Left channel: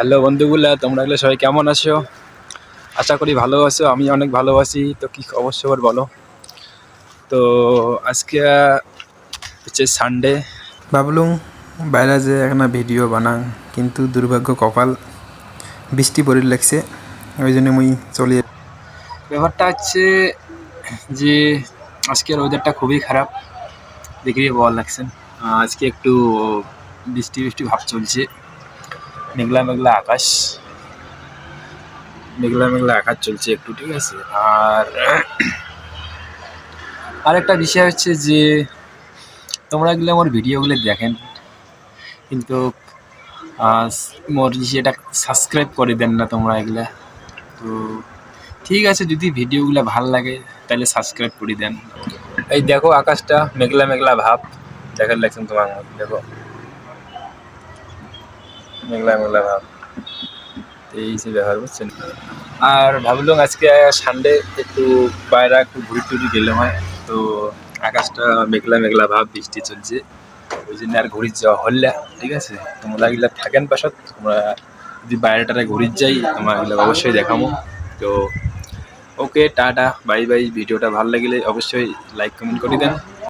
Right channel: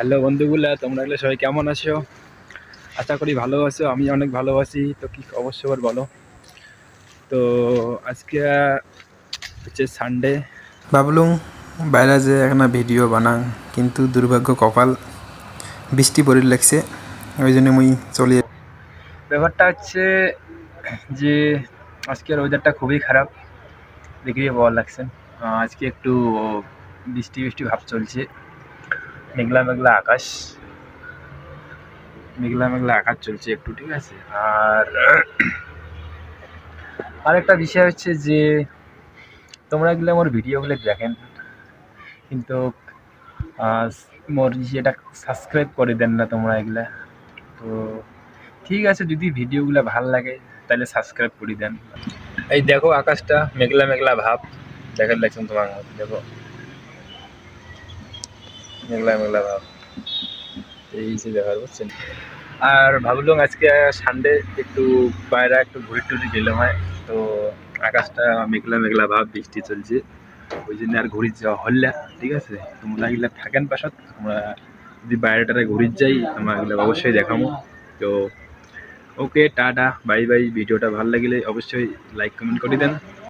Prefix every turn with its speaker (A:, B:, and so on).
A: Hello বন্ধুগুলা তোমরা এগুলো সবাই কেমন আছো? আশা করি ভালো আছো আমি অনেক ভালোবাসি তো কী অবশ্য খবর বলো? তো আজকে হচ্ছে সানডে
B: ভাবলুম বাইরে যে একটা ভিডিও বানাং কিন্তু দুর্ভাগ্য কপাল বৃষ্টি পড়ে লাগছে ওই জন্য মুই চলে
A: ব্যাপারটা হচ্ছে যে আজকের ওয়েদারটা খুবই খারাপ দেখেই ভালো লাগছে। আহ, আজকে একটু বৃষ্টি বৃষ্টি ভাব চলছে। মেঘলা মেঘলা আকাশ। মেঘলা মেঘলা আকাশ চলছে একটু, ঠিক আছে? আর আরেকটা বিষয় হচ্ছে যে, তোমরা এগুলো আমার ভিডিওগুলো দেখেন, কিন্তু মোর এটা সাবস্ক্রাইব করে দেন না তোমরা এগুলা। তো ঠিক আছে, যদি ভিডিওগুলো ভালো লাগে, তাহলে সাবস্ক্রাইব করে দেন। এই দেখো আকাশটা মেঘলা মেঘলা ভাব। দেখার লাগছেন তোমার দেখো। মেঘলা মেঘলা ভাব। এই বুঝছেন? আর ভাবলাম আজকে সানডে একটু বাইরে একটু ঘুরি টুরি গেলাম, হয়। তো আকাশটা মেঘলা মেঘলা ভাব, বৃষ্টি চলছে। ওই জন্য আর ঘুরি যাওয়া হল্লা ঠিক আছে? তোমরা এগুলা থাকেন পাশত, তোমরা যদি বাইরে বাইরেটারে ঘুরি যাই তোমরা এগুলো অবশ্যই দেখামো। তো ওকে, টাটা, বাই বাই। ভিডিওটা ভালো লাগলে অবশ্যই লাইক কমেন্ট করে দেন।